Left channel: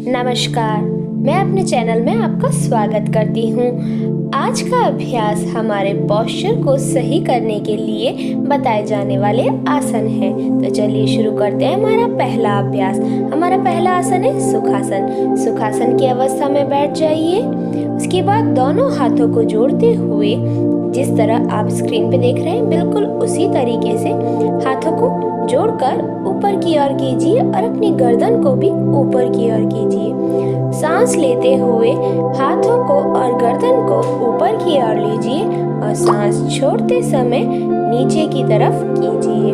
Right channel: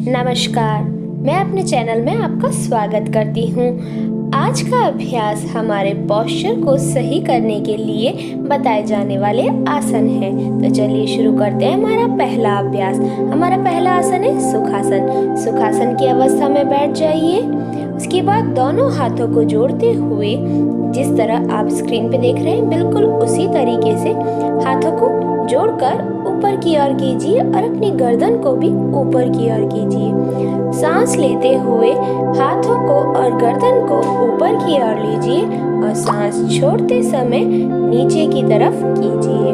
नमस्कार, मैं अपने चैनल में आपका स्वागत करती हूँ। आज का अभ्यास हमारे पोस्चर को सही करने के लिए बताए जाने वाले आसन है। तो चलिए शुरू करते हैं हमारा पहला अभ्यास। हमारा पहला आसन है सुखासन। सुखासन की अवस्था में बैठ जाइए। उसके बाद दोनों हाथों को जोड़ते हुए जिस तरह आप स्क्रीन पे देख रहे हैं बिल्कुल उसी तरीके से हाथों को जोड़कर ऊपर की ओर कीजिए और अपनी गर्दन को भी ऊपर की ओर कीजिए। सांस लेते हुए हाथों को और गर्दन को ऊपर की ओर लीजिए और सांस छोड़ते समय नीचे की तरफ कीजिए।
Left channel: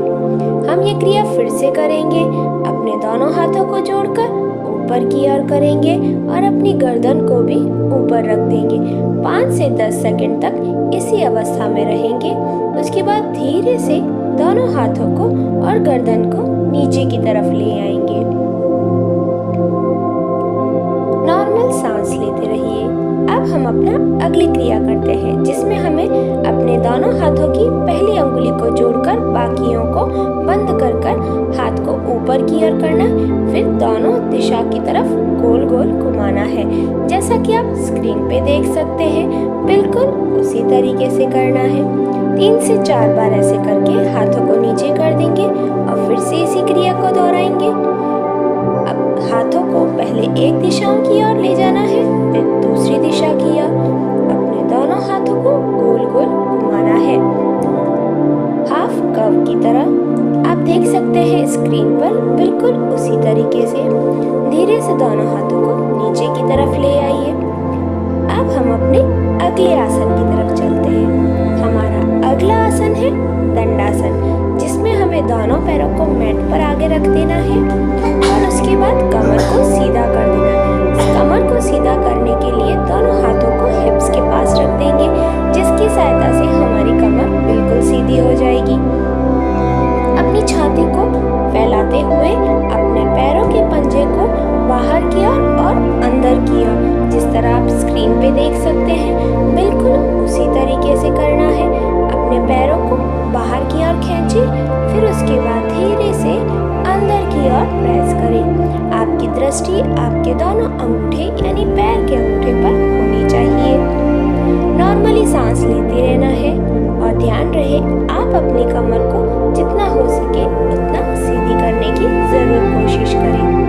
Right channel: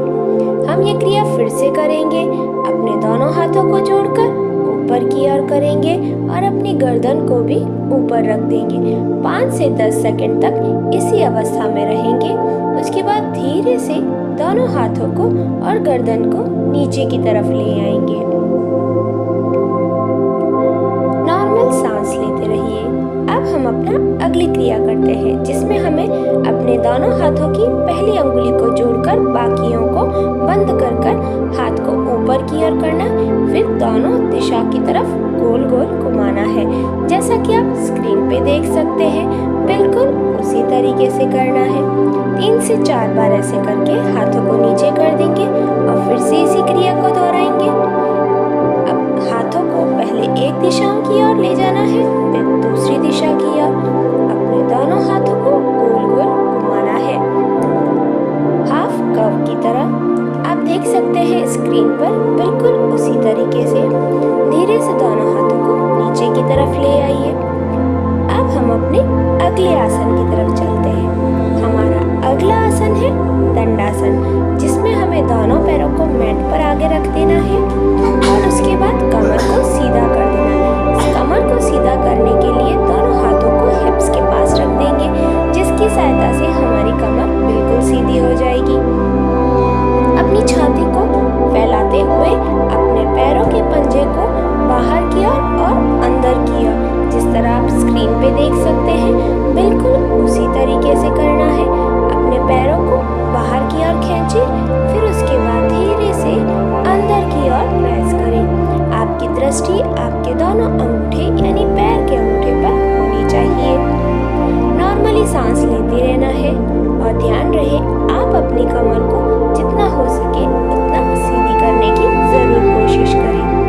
हम ये क्रिया फिर से करेंगे। अपने दोनों हाथों को जोड़कर ऊपर की ओर करेंगे और अपनी गर्दन को भी ऊपर रख देंगे। 5 से 10 सेकंड तक इसी अवस्था में रहेंगे। उसके बाद धीरे से दोनों हाथों को और गर्दन को नीचे की तरफ ले आएंगे। नॉर्मल सांस लेते रहिए। अब हम अपना अगली क्रिया करते हैं जिसमें हमें अपने दोनों हाथों की पहली अंगुली को जोड़कर बाकियों को बंद कर हाथ को ऊपर की ओर करना, फिर दोनों दिशा की तरफ गोल गोल घुमाना है। जैसा कि आप स्क्रीन पे देख सकते हैं बिल्कुल उसी तरीके से करना है। 3 से 4 बार ऐसे करके हाथों को नीचे कर देंगे और फिर से इसी क्रिया को दोहराएंगे। अब हाथों को पहले एक दिशा की ओर ले जाना है, फिर दूसरी दिशा की ओर। अपने दोनों हाथों को गोल गोल घुमाना है हाफ कर्व की तरह। आप देख सकते हैं स्क्रीन पर बिल्कुल उसी तरीके से धीरे से दोनों हाथों को नीचे की तरफ ले आइए। अब हम अपने अगले आसन की तरफ चलते हैं। हमारा अगला आसन है दंडासन, जिसमें हमें दोनों पैरों को मैट पर आगे रख देना है और उसके बाद कमर को सीधा कर देना है। कमर को सीधा करने के लिए दोनों हाथों को हिप्स के पास रख देंगे, जिसकी सहायता से हमारी कमर बिल्कुल सीधी हो जाएगी। अपनी छाती को फैलाते हुए अपने पैरों के पंजे को बाहर की ओर और अंदर की ओर, जिस तरह आप स्क्रीन पे देख सकते हैं बिल्कुल उसी तरीके से करना है। अपने पैरों को बाहर की ओर खींचिए, फिर उसके बाद धीरे से अंदर की ओर प्रेस करें। आपकी दृष्टि आपके दोनों अंगूठे यानी पैर के अंगूठे पर होनी चाहिए। नॉर्मली सांस लेते रहना है और ध्यान रहे आप अपनी कमर को जितना हो सके उतना सीधी करने की जरूर कोशिश करें।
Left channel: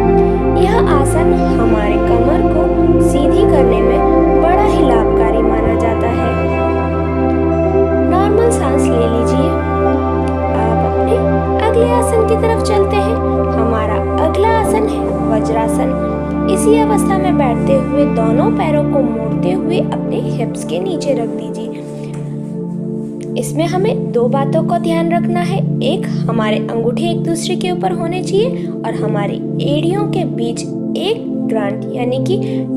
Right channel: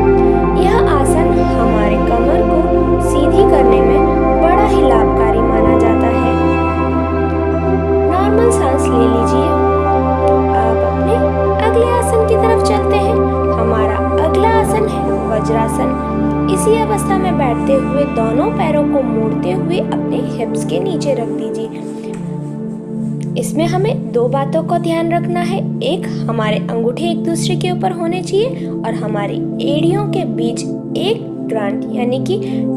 यह आसन हमारे कमर को सीधी करने में बड़ा ही लाभकारी माना जाता है। नॉर्मल सांस ले लीजिए। अब अपने अगले आसन की तरफ चलते हैं। हमारा अगला आसन है वज्रासन। इसी अवस्था में बैठते हुए दोनों पैरों को मोड़ते हुए अपने हिप्स के नीचे रख दीजिए। इसमें हमें 2 बातों का ध्यान रखना है। एक, हमारे अंगूठे एक दूसरे के ऊपर होने चाहिए और हमारी एड़ियों के बीच 1 ग्रांट यानी कि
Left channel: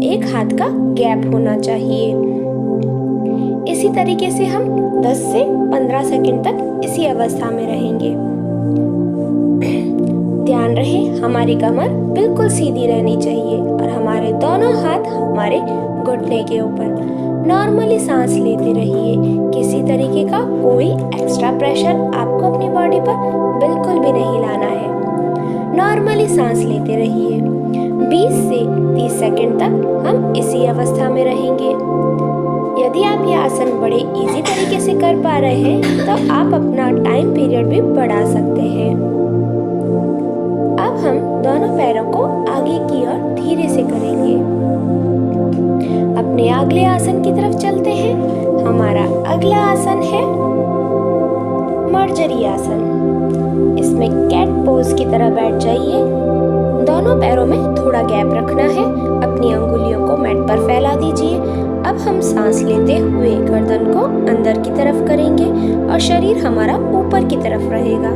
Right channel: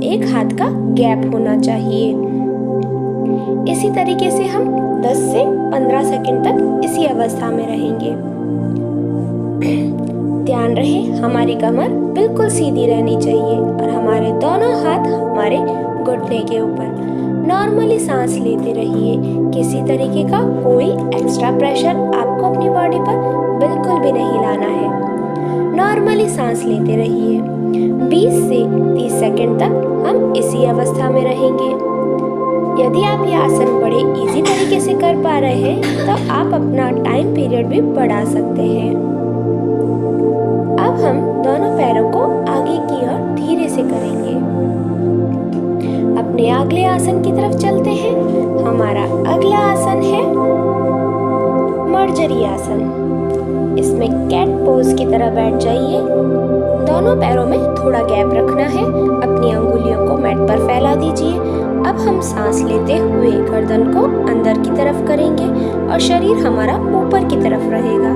1 हाथ का गैप होना चाहिए। इसी तरीके से हम 10 से 15 सेकंड तक इसी अवस्था में रहेंगे। ध्यान रहे हमारी कमर बिल्कुल सीधी रहनी चाहिए और हमारे दोनों हाथ हमारे घुटने के ऊपर। नॉर्मली सांस लेते रहिए। किसी तरीके का कोई एक्स्ट्रा प्रेशर आपको अपनी बॉडी पर बिल्कुल भी नहीं लाना है। नॉर्मली सांस लेते रहिए। 20 से 30 सेकंड तक हम इसी अवस्था में रहेंगे। यदि आप ये आसन बड़े इजी तरीके से कर पा रहे हैं तो आप अपना टाइम पीरियड भी बढ़ा सकते हैं। अब हम दोनों पैरों को आगे की ओर धीरे से करेंगे। अपने अगले आसन की तरफ चलते हैं। हमारा अगला आसन है मर्जरी आसन। इसमें कैट पोज की तरह बैठ जाइए। दोनों पैरों में थोड़ा गैप रखना है। अपनी अंगुलियों को मैट पर फैला दीजिए। अब हम सांस लेते हुए गर्दन को अंदर की तरफ करेंगे और शरीर हमारा ऊपर की तरफ रहेगा।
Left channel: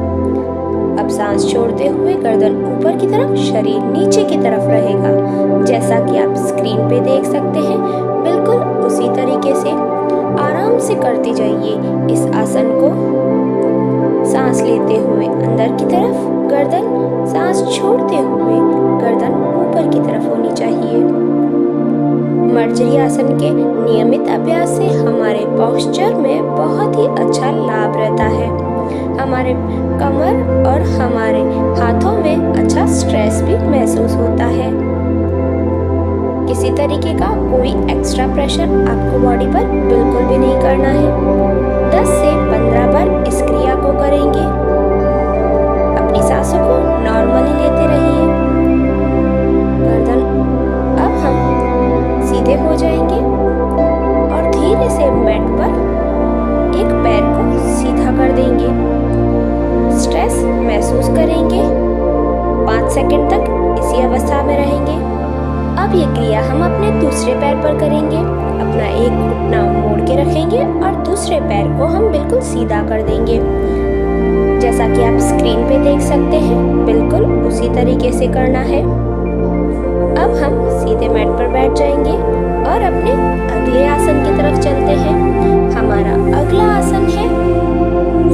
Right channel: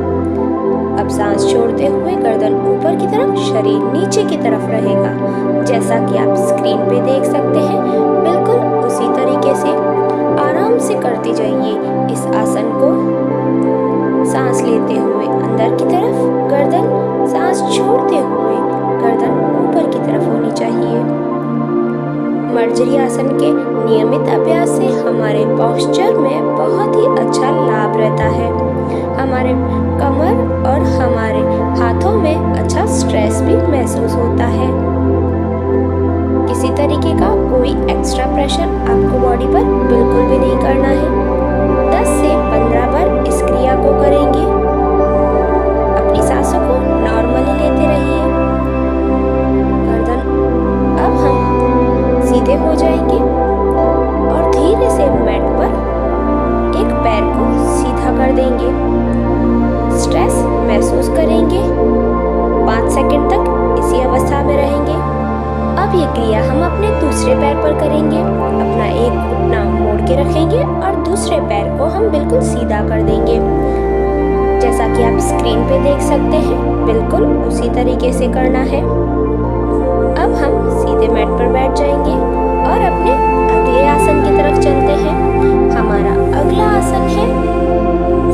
अब सांस छोड़ते हुए गर्दन ऊपर की तरफ, शरीर नीचे की तरफ रहेगा। जैसा कि आप स्क्रीन पे देख सकते हैं बिल्कुल उसी तरीके से आराम से करते जाइए इस आसन को। सांस लेते हुए अंदर की तरफ गर्दन, सांस छोड़ते हुए गर्दन ऊपर की तरफ होनी चाहिए। मर्जरी आसन के नियमित अभ्यास से हमारे पोस्चर में बहुत ही अच्छा लाभ रहता है। हमारे कमर और हमारे हाथों में अच्छा स्ट्रेस भी महसूस होता है। किसी तरीके का कोई एक्स्ट्रा प्रेशर आपको बॉडी पर बिल्कुल भी नहीं करना है। 10 से 15 बार इस क्रिया को करेंगे। अपनी सांसों को नॉर्मली लेते रहिए। गर्दन अब हम सीधे हो जाएंगे और धीरे से मैट पर एक पैर को सीधा कर देंगे। स्ट्रेस महसूस करेंगे। 5 सेकंड तक इसी अवस्था में रहेंगे। अब ये क्रिया हम अपने दूसरे पैर पर करेंगे। अपना एक घुटना मोड़ के रखेंगे और दूसरे पैर को हम बिल्कुल सीधा कर देंगे। जैसा कि आप स्क्रीन पे देख सकते हैं, बिल्कुल उसी तरीके से करना है। अब हम सीधे मैट पर बैठ जाएंगे और अपने अगले आसन की तरफ चलते हैं। हमारा अगला आसन है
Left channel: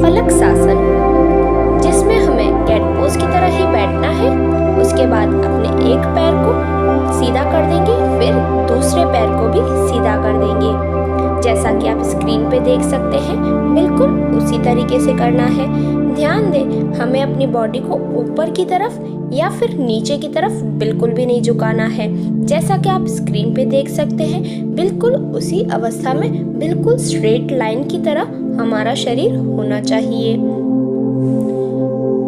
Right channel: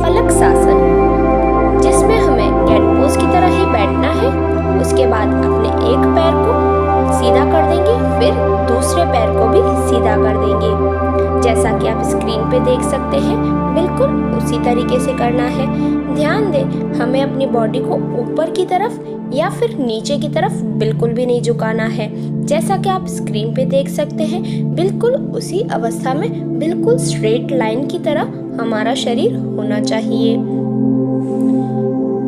फलकसासन, जिसमें हमें कैट पोज की तरह ही बैठना है। उसके बाद अपने एक पैर को सीधा कर देंगे, फिर दूसरे पैर को भी सीधा कर देंगे। जैसा कि आप स्क्रीन पे देख सकते हैं, बिल्कुल उसी तरीके से करना है। ध्यान दें, हमें अपनी बॉडी को ऊपर की तरफ या फिर नीचे की तरफ बिल्कुल भी नहीं झुकाना है। जैसा कि आप स्क्रीन पे देख सकते हैं, बिल्कुल उसी अवस्था में बिल्कुल स्ट्रेट लाइन की तरह हमारा शरीर होना चाहिए।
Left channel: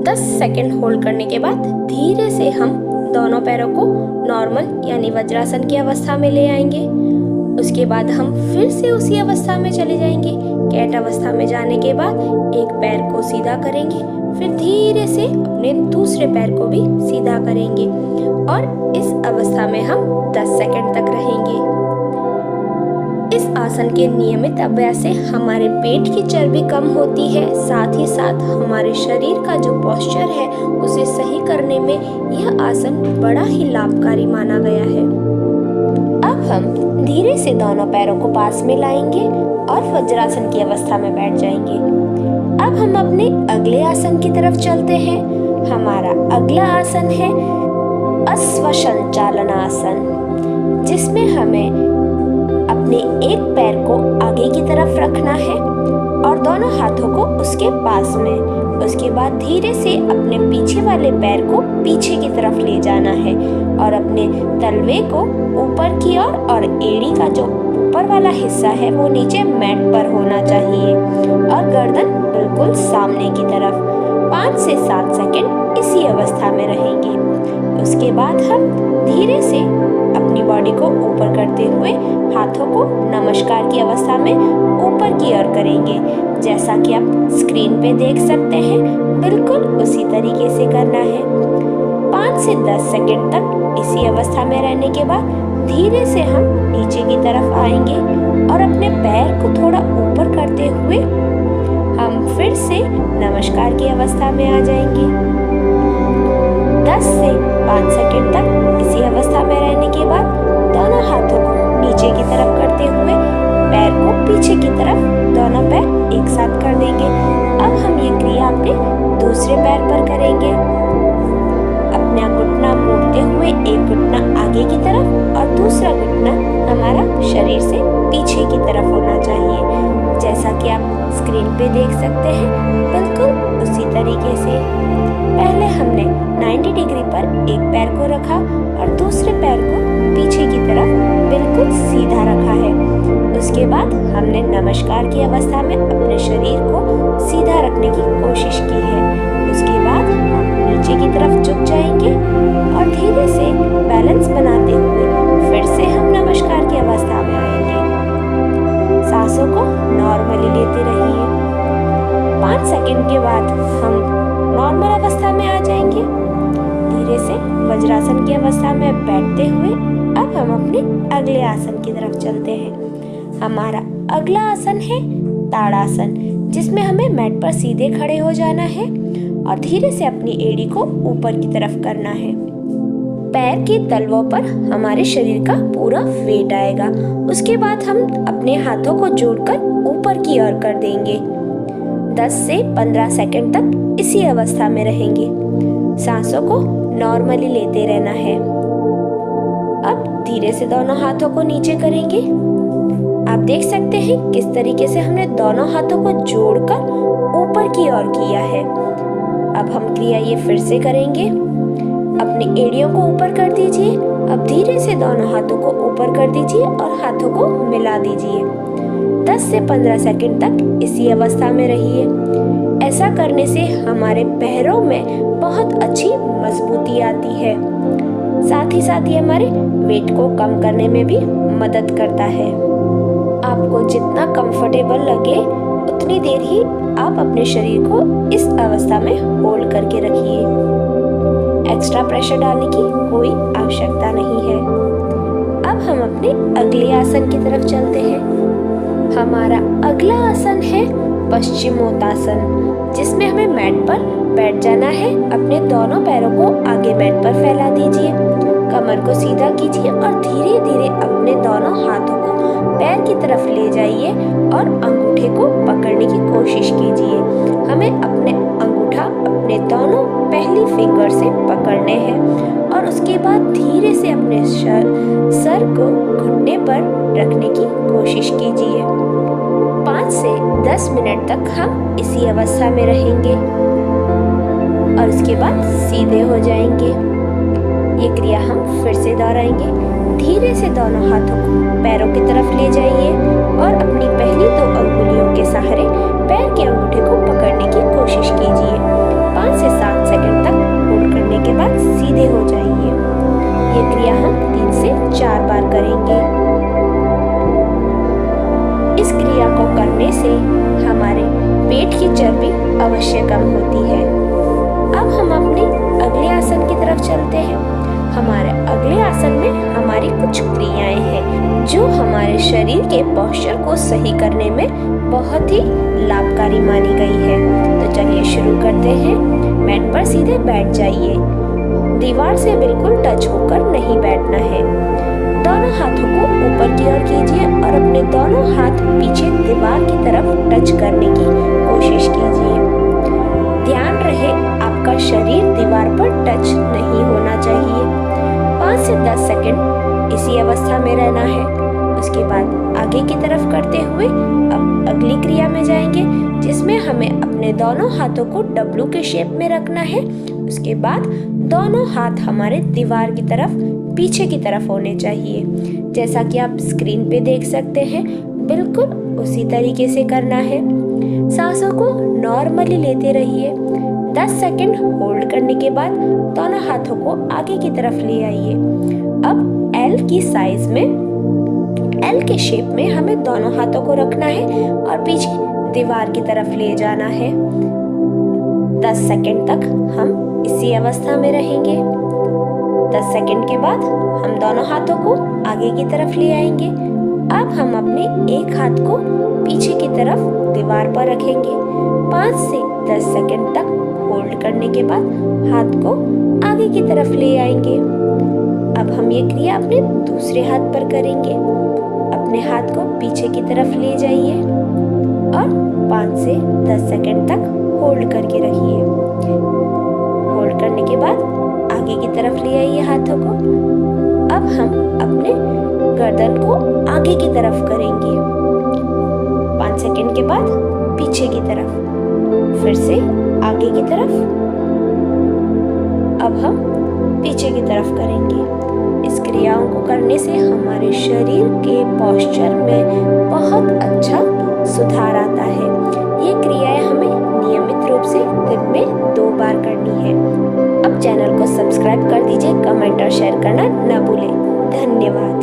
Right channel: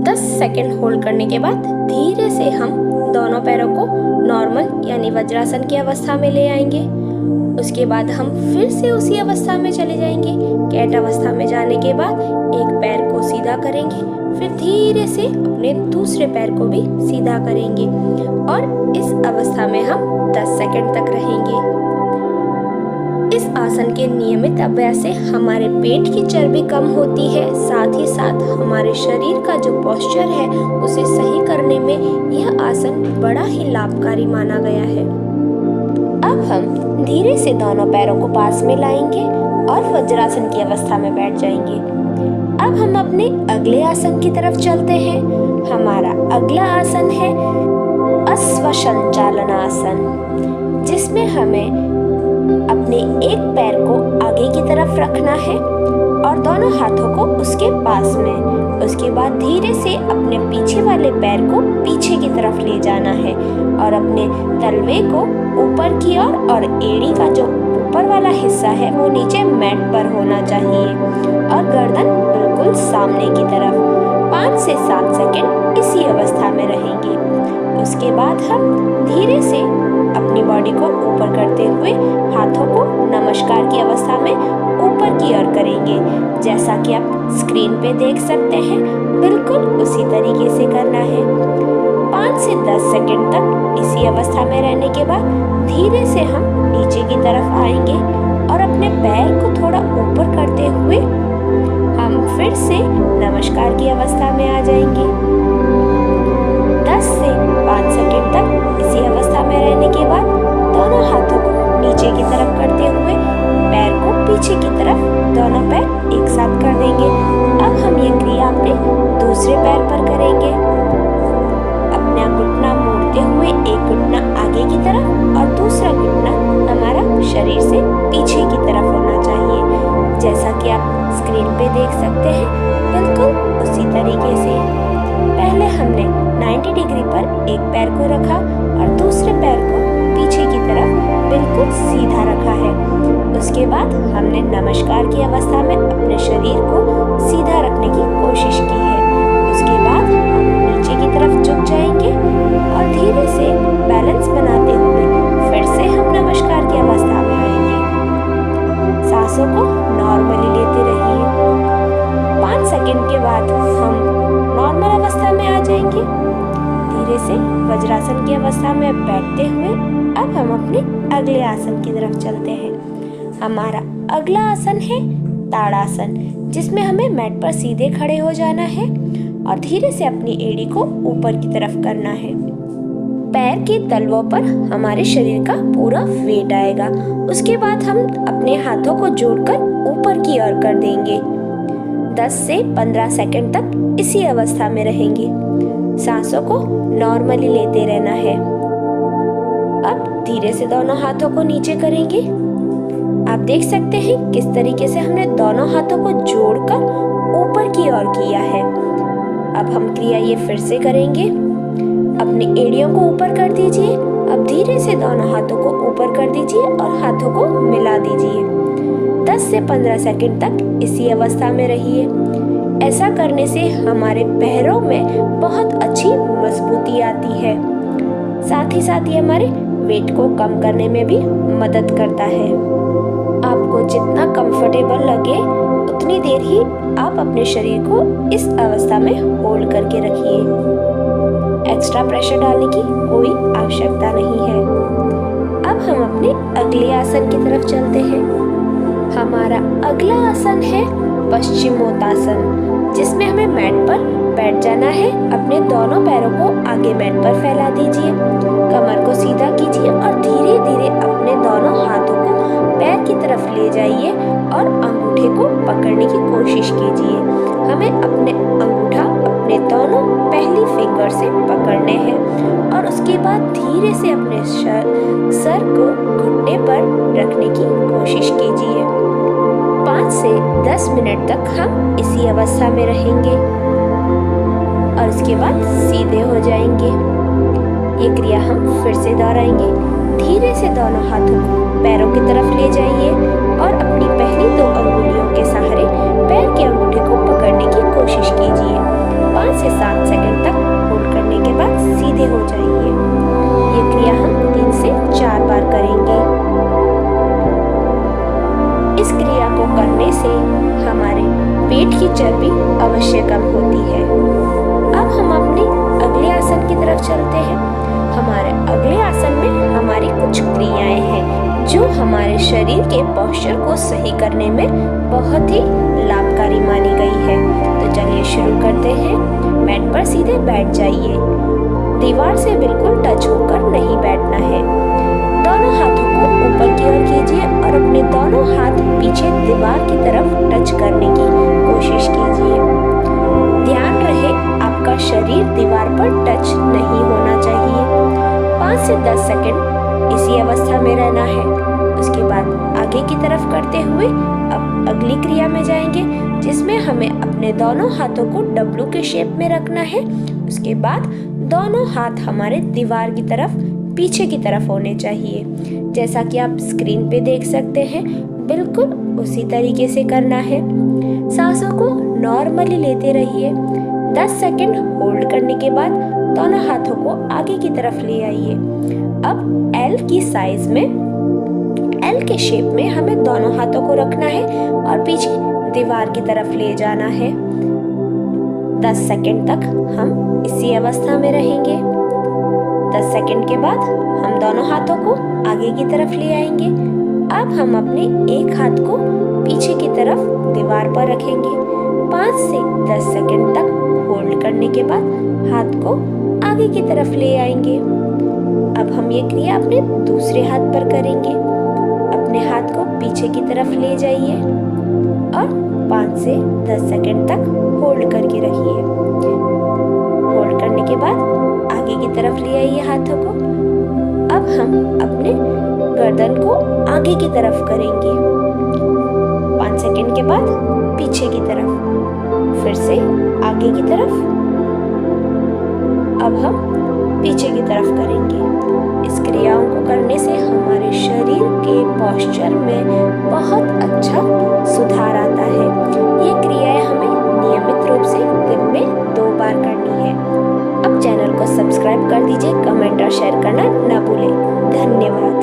10 सेकंड होल्ड करने के बाद धीरे से हम दोनों पैरों को नॉर्मल यानी वज्रासन की अवस्था में ले आएंगे। उसके बाद हम फिर से उसी अवस्था में चले जाएंगे। कैट अवस्था में जाने के बाद एक पैर को सीधा करेंगे, फिर धीरे से अपने दूसरे पैर को भी सीधा करेंगे और इस अवस्था में हम 10 सेकंड तक रहेंगे। इस आसन के नियमित अभ्यास से हमारे पेट की चर्बी कम होती है, साथ ही साथ हमारे शरीर का जो पोस्चर है उसे सही करने में यह आसन बड़ा ही लाभकारी माना गया है। अब हम धीरे से दोनों पैरों को पास में लाएंगे और वज्रासन की अवस्था में बैठ जाएंगे। अब हम अपने अगले आसन की तरफ चलते हैं। हमारा अगला आसन है अश्वसंचालन आसन, जिसमें हमें अपने एक पैर को आगे की तरफ रखना है और दोनों हाथों को उसके पास में। उसके बाद धीरे से अपने पीछे वाले पैर को पीछे की तरफ ले जाना है और अपने तलवे को ऊपर की ओर और एड़ी का जो ऊपर वाला हिस्सा है वो नीचे मैट पर होना चाहिए और गर्दन बिल्कुल सामने की तरफ। 5 से 7 सेकंड इसी अवस्था में रहेंगे। उसके बाद हम धीरे से अपनी बॉडी को ऊपर करते हुए हाथों को नमस्कार की अवस्था में ऊपर की ओर करेंगे। जैसा कि आप स्क्रीन पे देख सकते हैं, बिल्कुल उसी तरीके से करना है। 5 से 10 सेकंड तक इसी अवस्था में रहने के बाद धीरे से हम नीचे की तरफ आएंगे और अपने पैर को थोड़ा ऊपर करते हुए हम फिर से नमस्कार की अवस्था में आ जाएंगे। 10 से 5 सेकंड तक इसी अवस्था में रहने के बाद दोनों हाथों को नीचे की तरफ करते हुए पैर को पीछे की तरफ दोनों पैर एक साथ कर देंगे। अब हम ये क्रिया अपने दूसरे पैर पर करेंगे। अपना घुटना मोड़ते हुए एक घुटना आगे की तरफ और दूसरा घुटना हमारा शरीर से पीछे की तरफ होना चाहिए। जैसा कि आप स्क्रीन पे देख सकते हैं, बिल्कुल उसी तरीके से। पहले हमने 90 डिग्री पर एक पैर को रखा और दूसरे पैर को पीछे की तरफ बिल्कुल सीधा रखा है। उसके बाद हमने नमस्कार की अवस्था में अपने शरीर को सीधा रखने की कोशिश की है। उसके बाद हम नीचे की तरफ झुक जाएंगे और धीरे से बैलेंस बनाते हुए फिर से हम नमस्कार की अवस्था में आएंगे। सांसों को नॉर्मली लेते रहिए। 5 सेकंड के बाद हम नॉर्मल अवस्था में आ जाएंगे। धीरे से वज्रासन की अवस्था में बैठते हुए अब हम अपने अगले आसन की तरफ चलते हैं। हमारा अगला आसन है ताड़ासन, जिसमें हमें मैट पर सीधे खड़े हो जाना है और धीरे से अपनी एड़ी को ऊपर की तरफ करना है। पैर के तलवों पर हमारे शरीर का पूरा वेट आएगा। उसके बाद हम अपने हाथों को जोड़कर ऊपर की ओर कर देंगे। 10 से 15 सेकंड तक इसी अवस्था में रहेंगे। सांसों को नॉर्मली लेते रहना है। अब धीरे से दोनों हाथों को नीचे करेंगे। आप देख सकते हैं किस तरीके से हमने दोनों हाथों को जोड़कर ऊपर की ओर किया है। अब हम क्रिया ये फिर से करेंगे। अपनी एड़ियों को ऊपर कर दीजिए। अब धीरे से दोनों हाथों को ऊपर कर दीजिए और हाथों को मिला दीजिए। 10 से 15 सेकंड तक इसी अवस्था में रहिए। ऐसा करने से हमारे पैरों में बहुत अच्छी मजबूती आती है। साथ ही साथ ये हमारे वेट को कम करने में भी मदद करता है। आपको जितना कंफर्टेबल लगे उतनी देर ही आप अपने शरीर को इस अवस्था में होल्ड करके रखिए। एक्स्ट्रा प्रेशर डालने की कोई आवश्यकता नहीं है। अब हम अपने अगले आसन की तरफ चलते हैं। हमारा अगला आसन है पश्चिमोत्तासन, जिसमें हमें मैट पर बैठ जाना है। अपने दोनों पैरों को आगे मैट पर फैला दीजिए, कमर को सीधा कीजिए और धीरे धीरे अपने दोनों हाथों को पैर की तरफ ले जाइए और अंगूठे को पकड़ने की कोशिश कीजिए। हमें अपने अंगूठा अपने दोनों पहली फिंगर से पकड़ने हैं और उसके बाद धीरे से अपने सर को घुटने पर रखने की कोशिश कीजिए। 5 से 10 मिनट तक हम इसी अवस्था में रहेंगे और उसके बाद सीधे हो जाएंगे। ये क्रिया हम फिर से दोहराएंगे। धीरे से दोनों हाथों को पैरों की तरफ ले जाइए और अपनी पहली 2 अंगुलियों के सहारे पैर के अंगूठे को पकड़ने की कोशिश कीजिए। 5 से 7 सेकंड तक होल्ड करने के बाद सीधे हो जाइए। ये क्रिया हम 3 से 4 बार करेंगे। इस क्रिया को करने से हमारे पेट की चर्बी अवश्य कम होती है। अब हम अपने अगले आसन की तरफ चलते हैं। हमारे अगले आसन में हमारी कुछ क्रियाएं हैं जो हमारे शरीर के पोस्चर को सही करने में बहुत ही लाभकारी मानी गई है। तो चलिए शुरू करते हैं। मैट पर सीधे बैठ जाइए। दीवार से बिल्कुल टच होकर नहीं बैठना है। दोनों हाथों को ऊपर की ओर कीजिए और अपने दोनों हाथ पीछे दीवार की तरफ टच करने की कोशिश कीजिए। ध्यान रहे आपका शरीर दीवार पर टच नहीं होना चाहिए। 5 से 10 सेकंड इसी अवस्था में रहना है। उसके बाद आगे की तरफ करते हुए अब अगली क्रिया में जाएंगे, जिसमें हमें अपने दोनों हाथों को डब्लू के शेप में रखना है। उसके बाद दोनों हाथ हमारे दीवार की तरफ पीछे की तरफ होने चाहिए। जैसा कि आप स्क्रीन पे देख सकते हैं, बिल्कुल उसी तरीके से करना है। सांसों को नॉर्मली लेते रहिए। 10 सेकंड होल्ड करने के बाद दोनों हाथों को आगे की तरफ ले आइए। अब एल की साइज में, एल के शेप में हमें दोनों हाथों को रखना है और पीछे दीवार की तरफ ले जाना है। 10 सेकंड तक हम इसी अवस्था में रहेंगे। 10 सेकंड के बाद हम दोनों हाथों को आगे की तरफ ले आएंगे। अब हम अपने एक हाथ को पीछे की तरफ दीवार पर रखेंगे। 5 से 10 सेकंड तक होल्ड करने के बाद हाथ को आगे की तरफ ले आएंगे। अब हम ये क्रिया अपने दूसरे हाथ पर करेंगे। अपने हाथ को पीछे की तरफ ले जाइए और 5 से 10 सेकंड तक होल्ड करके रखिए। होल्ड करने के बाद आगे की तरफ ले आइए हाथों को। अब हम अपने गर्दन को आगे की तरफ करेंगे। 5 सेकंड के बाद पीछे की तरफ, फिर से आगे की तरफ। अब हम पीछे की तरफ करेंगे। इस क्रियाओं को करने से हमारे शरीर के पोस्चर में बहुत अच्छा सुधार आता है। ये क्रियाएं हमें नियमित रूप से दिन में 2 बार करनी है। अब चैनल को सब्सक्राइब कर दीजिए, कमेंट और शेयर करना न भूलें। धन्यवाद।